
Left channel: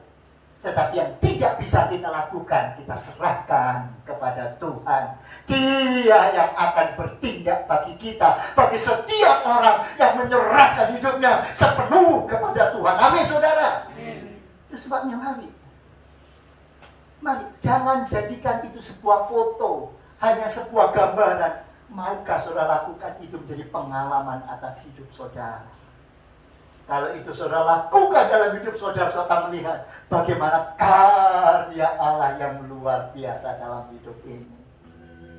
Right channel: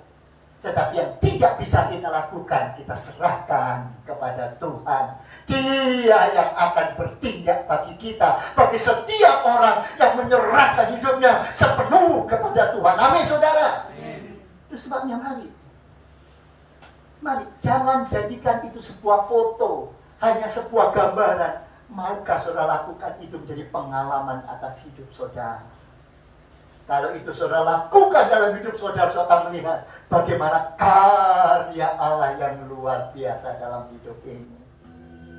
Tetapi yang tidak bisa kita lakukan, kita serahkan kepada Tuhan. Dia yang akan bertindak bagi kita, bagi setiap orang yang menyerahkan hidupnya sepenuh kepada Tuhan. Amin, saudara. Itu sebabnya mari, jangan jadikan itu sebuah foto, hanya sebuah gambaran. Maukah saudara lakukan itu menjadi pengalaman atas hidup saudara? Kalau itu saudara lakukan dalam hidup saudara, saudara akan melihat bagaimana karya Allah yang luar biasa dalam hidup ini.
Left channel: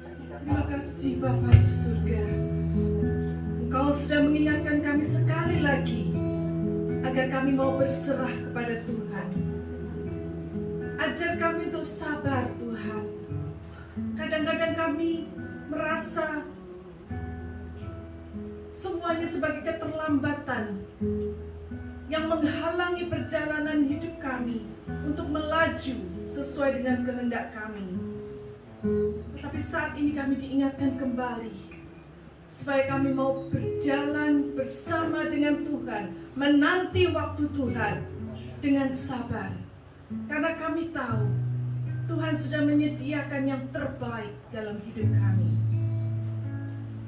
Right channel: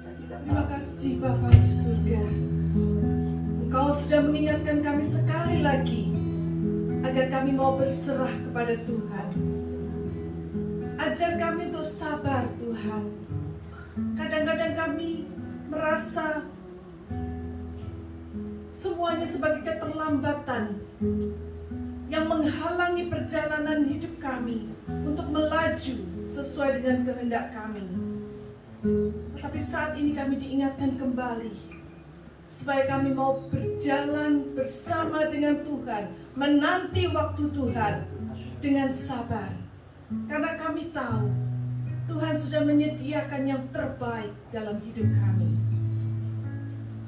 Terima kasih Bapa di surga. Engkau sudah mengingatkan kami sekali lagi agar kami mau berserah kepada Tuhan. Ajar kami untuk sabar, Tuhan. Kadang-kadang kami merasa semuanya sebagai keterlambatan yang menghalangi perjalanan hidup kami untuk melaju sesuai dengan kehendak kami. Tetapi saat ini kami diingatkan kembali supaya kami mau berjalan bersama dengan Tuhan, menanti waktu Tuhan dengan sabar. Karena kami tahu Tuhan sudah menyediakan yang terbaik dalam hidup kami.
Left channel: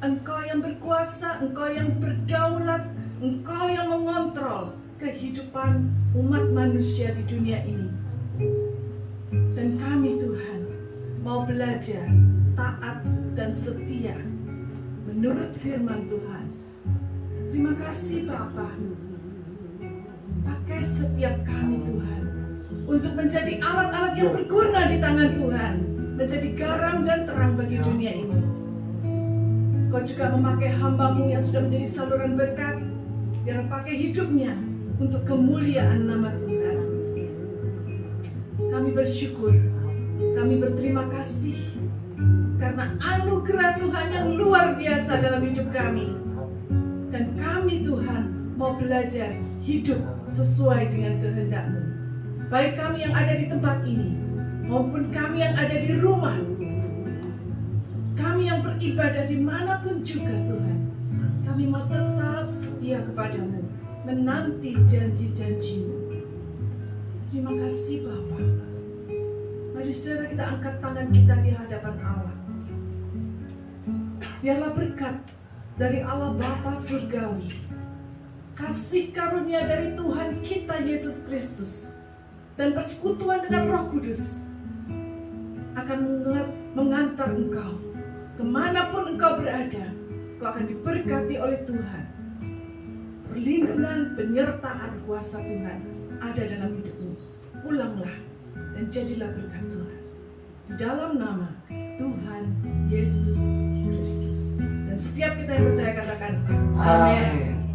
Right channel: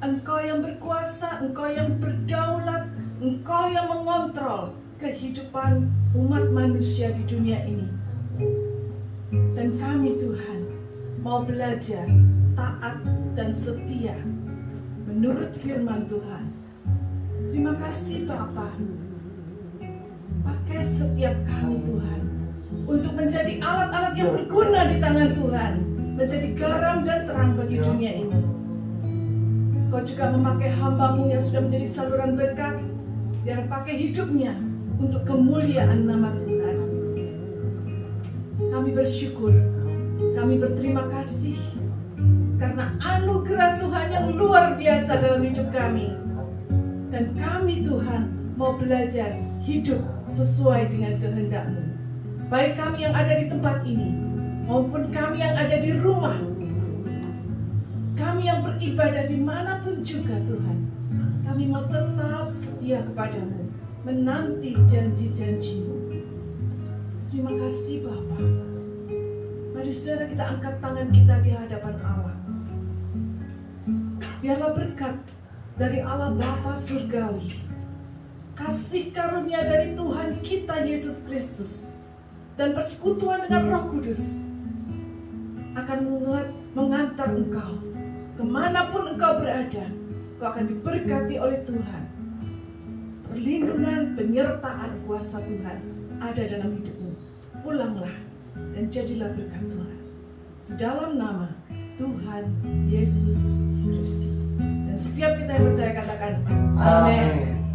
Engkau yang berkuasa, Engkau yang berdaulat, Engkau yang mengontrol kehidupan umat manusia di dunia ini. Dan kami Tuhan mau belajar taat dan setia menurut firman Tuhan. Terima kasih Bapa. Pakai setiap kami Tuhan untuk menjadi alat-alat yang berguna di tangan Tuhan, menjadi garam dan terang bagi dunia ini. Kau juga memakai hamba-Mu yang sudah menjadi saluran berkat, yang pakai hidupnya untuk kemuliaan nama Tuhan. Kami bersyukur, kami berterima kasih karena anugerah Tuhan yang luar biasa dalam hidup kami. Dan kami Tuhan mau belajar hidup sesuai dengan kehendak-Mu. Baik kami yang ada di tempat ini, maupun kami yang ada di rumah, kami yang beribadah dimanapun juga Tuhan, kami mau tetap setia kepada-Mu, menanti janji-janji-Mu. Terima kasih Bapa. Mari saudara kita angkat tangan kita di hadapan Allah. Biarlah berkat dari Allah Bapa Surgawi, kasih karunia dari Tuhan kita Yesus Kristus, dan persekutuan dengan Roh Kudus akan mengantar engkau kemanapun engkau berada. Engkau akan diberkati oleh Tuhan. Perlindungan, penyertaan kuasa Tuhan ada dalam hidupmu. Pulanglah dan jadilah berkat Tuhan di dalam nama Tuhan Yesus Kristus. Dan setiap kita yang percaya katakan amin.